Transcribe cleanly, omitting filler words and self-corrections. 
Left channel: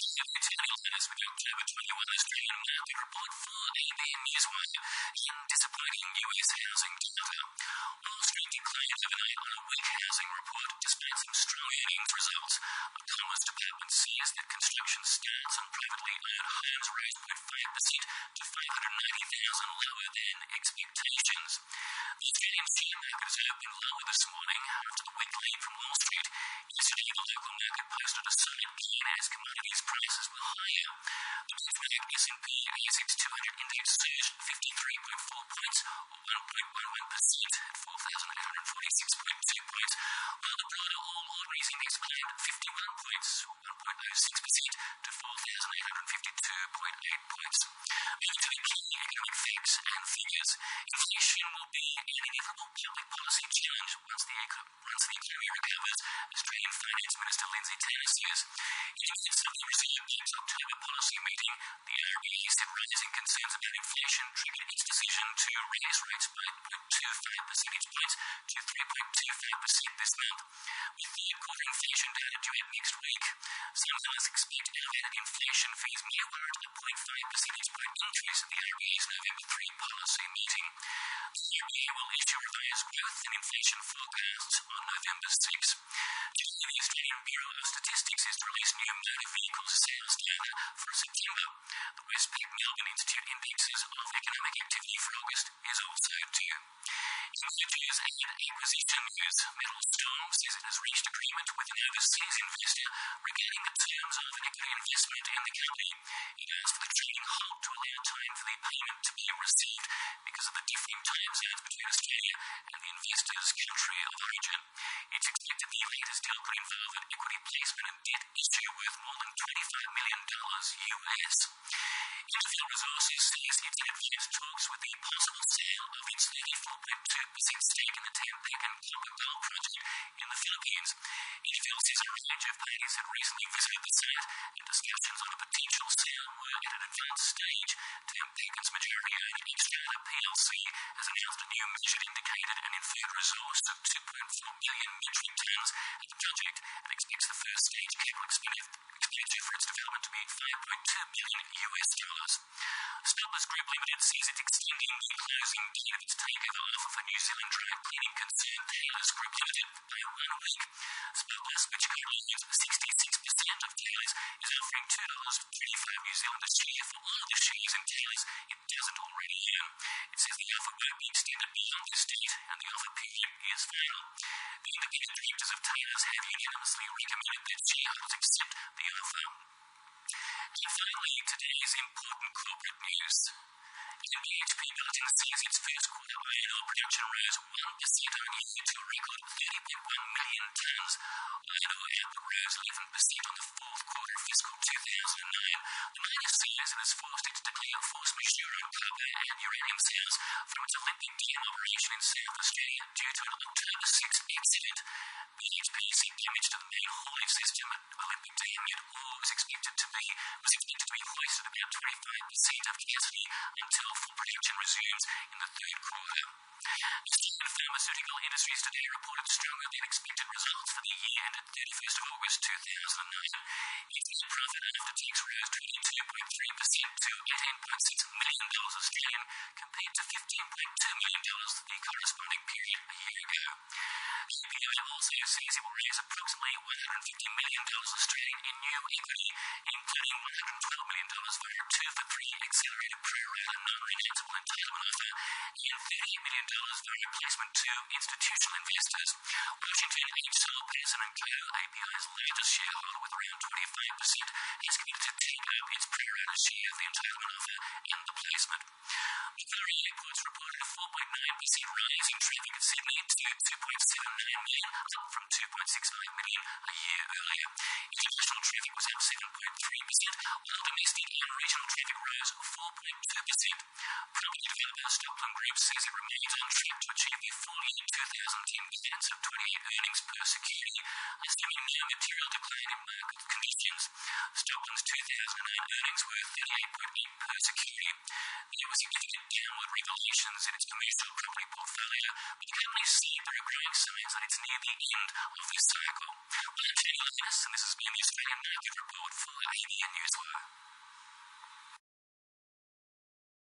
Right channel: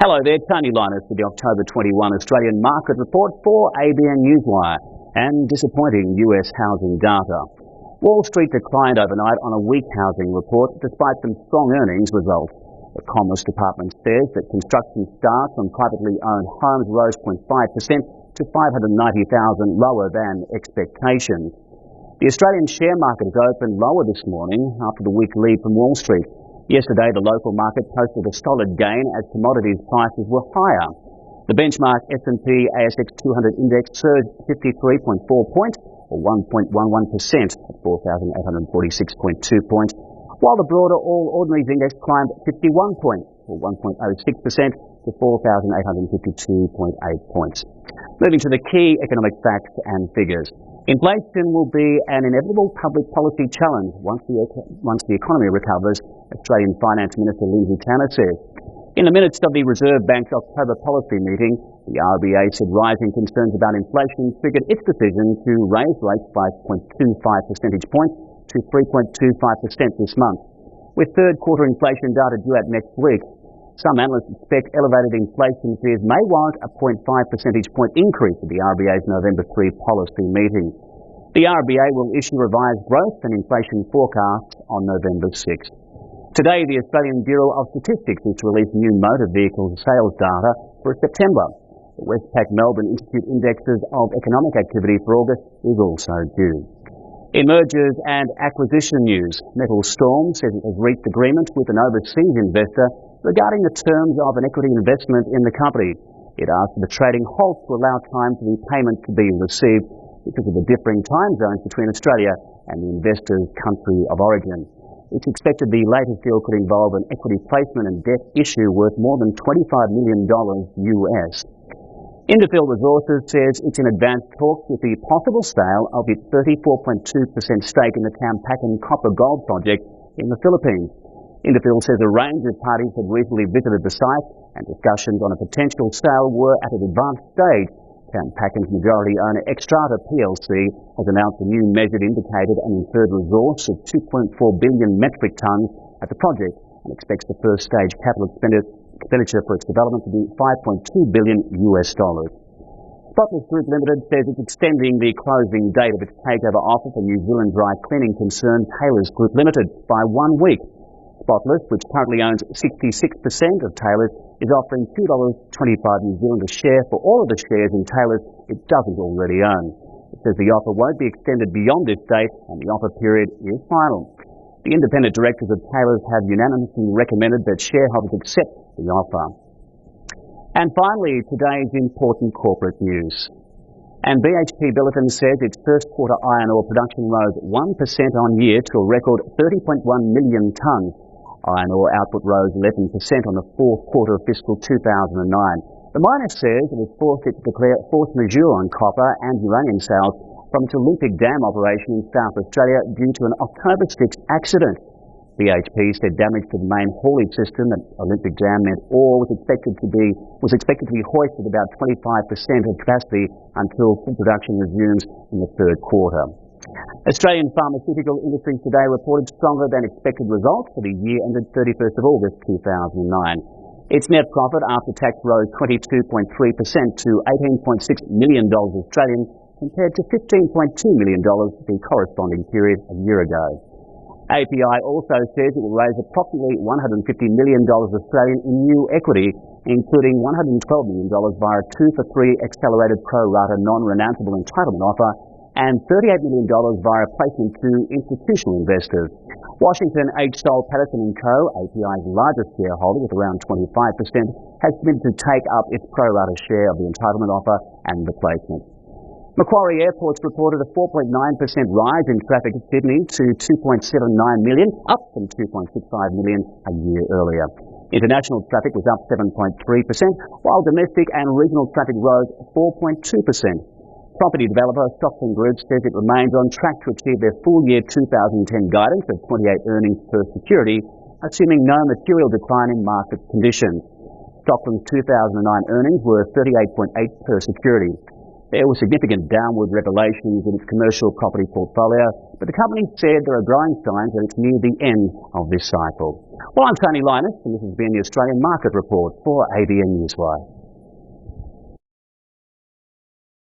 Hello there, Tony Linus with the October 21 Australian Market Report for ABN Newswire and disappointing US housing data. Wall Street declined overnight on a weak housing report despite some strong earnings results. The Commerce Department says that construction starts on privately owned homes rose 0.5% to 590,000, lower than expectations. The Australian share market has opened lower this morning after the weak lead from Wall Street. Yesterday, the local market posted a solid gain as commodities prices were higher. The benchmark S&P ASX 200 index surged 53.4 points, or 1.11% at 4,846.2 points, while the broader All Ordinaries index climbed 51 points, or 1.06% to 4,852.8 points. Moving to the key economic facts and figures. Inflation will be an inevitable public policy challenge once the economy recovers, Australian Finance Minister Lindsay Tanner says. In the minutes of the Reserve Bank's October policy meeting, the RBA said rising concerns about inflation triggered its decision to raise rates by 0.25 percentage points to 3.25% this month. With third quarter inflation data due out next week, some analysts expect elevated inflation fears may warrant a 0.5 percentage point increase at the RBA's November 3 policy meeting. The RBA will issue revised growth and inflation forecasts on November 6. Today, the Australian Bureau of Statistics is to release new motor vehicles sales data for September. The Westpac Melbourne Institute indexes of economic activity for August is also due. In mergers and acquisition news, Metal Storm says it has reached agreement with an overseas investor regarding the terms of an equity investment in the company. It asked for the trading halt to allow time for the payment to be received because of the differing time zones between Australia and the investor's country of origin. It's expected the latest deal could involve an equity placement and debt issue worth more than $25 million US. Indophil Resources says it's in advanced talks with the possible sale of its 34.2% stake in the Tampakan copper-gold project in the Philippines. Indophil says a range of parties had recently visited the site and discussions on a potential sale were at an advanced stage. Tampakan's majority owner Xstrata plc has announced a new measured, indicated and inferred resource of 2.4 billion metric tonnes at the project and expects the first stage capital expenditure for its development to be $5.2 billion US. Spotless Group Limited says it's extending the closing date of its takeover offer for New Zealand dry cleaning concern Taylors Group Limited by 1 week. Spotless, which currently owns 66% of Taylors, is offering $2.25 New Zealand a share for all of the shares in Taylors it doesn't already own. It says the offer won't be extended beyond this date and the offer period is final. The independent directors of Taylors have unanimously recommended that shareholders accept the offer. And finally, today's important corporate news. And BHP Billiton says its first quarter iron ore production rose 1% on year to a record 30.1 million tonnes. Iron ore output rose 11% on the fourth quarter of fiscal 2009. The miner says it has forced it to declare force majeure on copper and uranium sales from its Olympic Dam operation in South Australia due to an October 6 accident. BHP said damage to the main haulage system at Olympic Dam meant ore was expected to be hoisted at about 25% of capacity until full production resumes in the third quarter. Australian pharmaceutical industries today reported stronger than expected results for the year ended 31st of August 2009. Its net profit after tax rose 22.3% to $18.6 million Australian compared to $15.2 million the corresponding period a year ago. API also says it will raise approximately $150 million Australian in new equity, including $112 million via a 2-for-3 accelerated pro-rata non-renounceable entitlement offer and $38 million via placement to institutional investors. Washington H. Soul Patterson & Co., API's largest shareholder with around 25%, has committed to take up its pro-rata share of the entitlement offer and the placement. Macquarie Airports reported a 4.9% rise in traffic at Sydney to 2.79 million, up from 2.65 million a year earlier. International traffic was up 7.3%, while domestic and regional traffic rose 4.2%. Property developer Stockland Group says it remains on track to achieve their full year 2010 guidance of 28 earnings per security, assuming no material decline in market conditions. Stockland's 2009 earnings were 38.8 per security. There were significant downward revelations in its commercial property portfolio, but the company said there are growing signs that it's near the end of this cycle. Well, I'm Tony Linus, and this has been the Australian Market Report for ABN Newswire.